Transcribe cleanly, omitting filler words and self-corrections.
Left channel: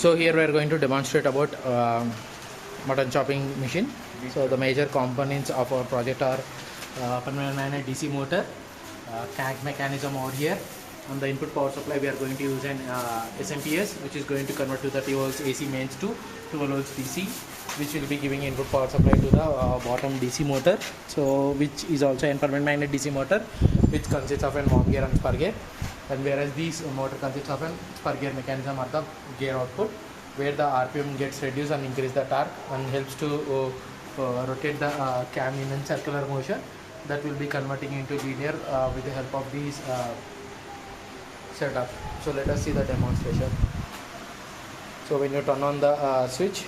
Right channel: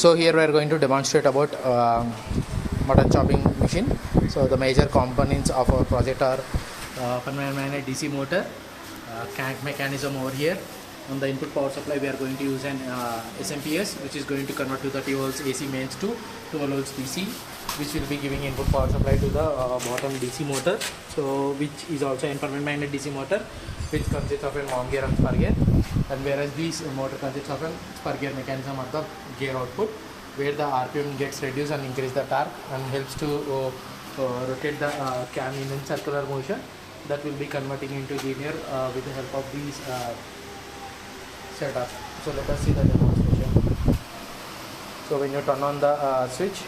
So here we are going to demonstrate about mutton chopping machine. So the major components of our project are permanent magnet DC motor, crank mechanism over here. On the input power supply we are going to use an SMPS, which is going to convert to 30 volts AC mains to 12 volts DC, which will be giving input power supply to the bottom DC motor, so which is also a permanent magnet DC motor, which consists of a mom gear and spur gear. And whereas this motor consists of a spur gear mechanism at the gear output, where the RPM gets reduced and increase the torque and helps to rotate the cam in a circular motion, that will be converting into linear with the help of these setup. So let us see the demonstration. So when you turn on the switch,